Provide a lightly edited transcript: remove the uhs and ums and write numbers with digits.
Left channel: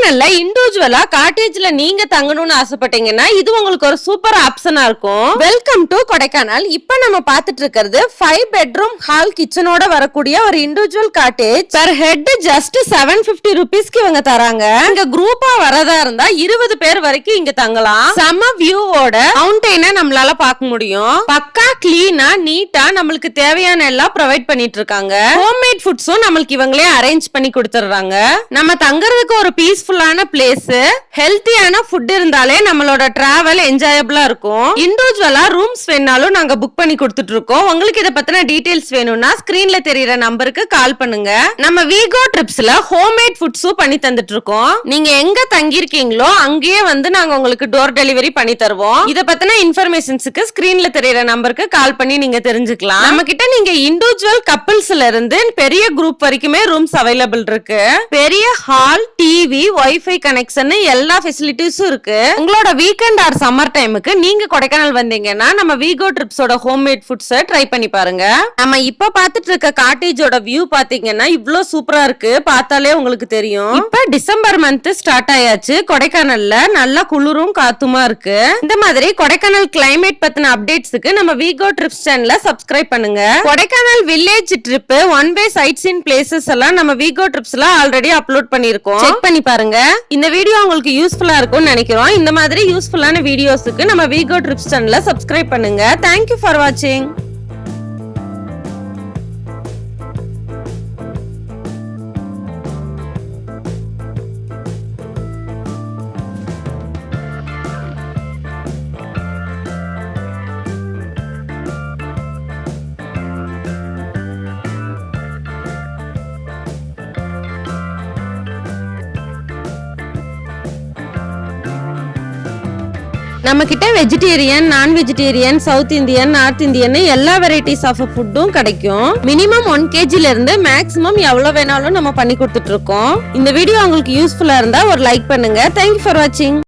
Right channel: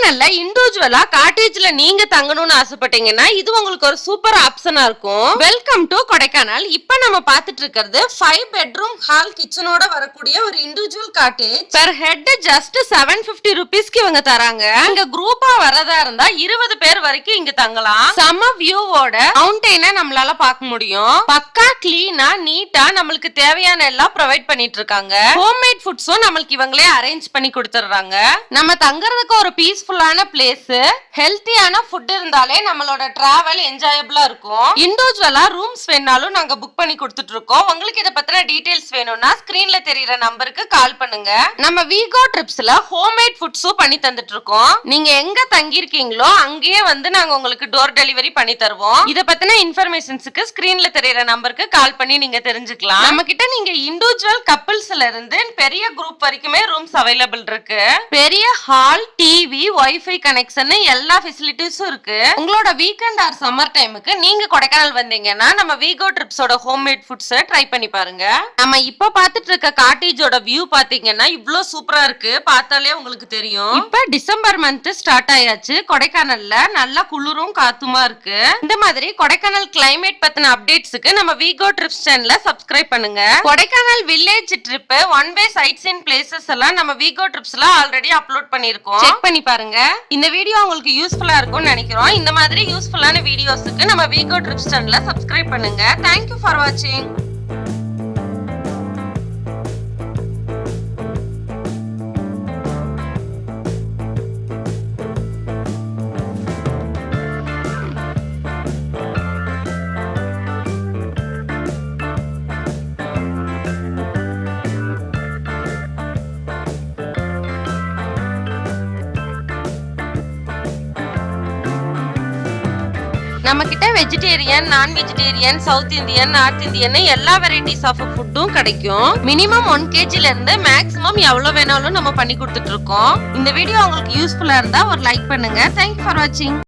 கொடைக்கானல்ல இண்டிவிஜுவலா காட்டேஜ்ல நீங்க தங்கணும்னு ஆசைப்பட்டீங்கன்னா இது உங்களுக்கு ஒரு சூப்பர் ஆப்ஷனா இருக்கும். Welcome to Kodaikanal. இப்ப நம்ம பாத்துட்டு இருக்கிறது 5 பெட்ரூம் ஹால் கிச்சனோட வரக்கூடிய ஒரு individual cottage. Per head just 750 ரூபீஸ்க்கு இவங்க தராங்க. இங்க குரூப்பா வரதா இருந்தா 20 பேர் வரைக்கும் இங்க தங்கலாம். சம வியூவோட மவுண்டெயினை நம்மளால பார்க்க முடியும். பக்கா கிளீனா நீட்டா நம்மளுக்கு தேவையான எல்லாம் ப்ரொவைட் பண்ணிட்டு இருக்காங்க. ஹோம்மேட் ஃபுட்ஸும் நம்மளுக்கு இவங்களே அரேஞ்ச் பண்ணி கொடுத்துறாங்க. நம்ம தங்கறதுக்கு ஒரு பீஸ்ஃபுல்லான பிளேஸ், ஹெல்த்தியான ஃபுட் இருந்தாலே நம்மளோட டிராவல் என்ஜாயபிளா இருக்கும். இண்டிவிஜுவலா ரூம்ஸ் வேணாலும் நாங்க புக் பண்ணி கொடுத்துட்டு இருக்கோம். உங்களுக்கு இத பத்தின டீடைல்ஸ் வேணும்னா ஸ்கிரீன்ல தெரியற நம்பருக்கு கால் பண்ணுங்க. நம்ம வீகோ ட்ரிப்ஸ்ல ஹோம்மேட் ஃபுட்ஸும் பண்ணி தந்துட்டு இருக்கோம். நீங்க எங்க தங்கி இருக்கீங்களோ அங்கேயே வந்து நாங்க உங்களுக்கு டோர் டெலிவரி பண்ணி தருவோம். இத பத்தின இன்ஃபர்மேஷன்ஸ்க்கு ஸ்கிரீன்ல தெரியற நம்பருக்கு கால் பண்ணி நீங்க தெரிஞ்சுக்கலாம். நம்ம கிட்ட நீங்க இண்டிவிஜுவல் கப்பிள்ஸ்ல இருந்து பெரிய குரூப் வரைக்குமே ரூம்ஸ் அவைலபிள் இருக்கு. பெரிய ஹால், டிவி, வைஃபை கனெக்ஷன் எல்லா ஃபெசிலிட்டிஸும் இருக்கு. உங்களோட வீக்கெண்ட் ஆர் சம்மர் டைமுக்கு நீங்க கொடைக்கானல் வந்தீங்கன்னா நம்ம வீகோ ட்ரிப்ஸோட ஹோம்மேட் ஃபுட்ஸ் ட்ரை பண்ணி பாருங்க. நம்ம இப்ப பாத்துட்டு இருக்க காட்டேஜோட வியூ பாத்தீங்கன்னா இவ்ளோ சூப்பரா இருக்கு. பார்த்தாலே உங்களுக்கு தெரியும். இப்ப டிசம்பர் மந்த் ஸ்டார்ட் ஆயாச்சு. கொடைக்கானல்ல நல்லா குளிரும் காத்துமா இருக்கு. இந்த மாதிரி கொடைக்கானல் கிளைமேட் பத்தின அப்டேட்ஸ்க்கு நம்ம வீகோ ட்ரிப்ஸ் சேனலை சப்ஸ்கிரைப் பண்ணுங்க. Kodaikanal village trip, one way side scene places எல்லாம் நம்ம வீகோ ட்ரிப்ஸ்ல ஆல்ரெடி அப்லோட் பண்ணிருக்கோம். செக் பண்ணி பாருங்க. இந்த வீடியோ உங்களுக்கு யூஸ்ஃபுல்லா இருக்கும்னு நினைக்கிறோம். இந்த மாதிரி யூஸ்ஃபுல்லான வீடியோஸ்க்கு நம்ம வீகோ ட்ரிப்ஸ் சேனலை சப்ஸ்கிரைப் பண்ணுங்க. தேங்க்யூ ஃபார் வாட்சிங். நம்ம கிட்ட வெஜிடேரியன், நான் vegetarian, south Indian, north Indian எல்லா வெரைட்டிஸ் ஆஃப் ஃபுட்டும் கிடைக்கும். மினிமம் 1 kgல இருந்து மேக்ஸிமம் எவ்வளவு வேணாலும் நம்ம பண்ணி கொடுத்துட்டு இருக்கோம். இந்த வீடியோ உங்களுக்கு யூஸ்ஃபுல்லா இருந்தா ஒரு லைக் பண்ணுங்க. தேங்க்யூ ஃபார் வாட்சிங்.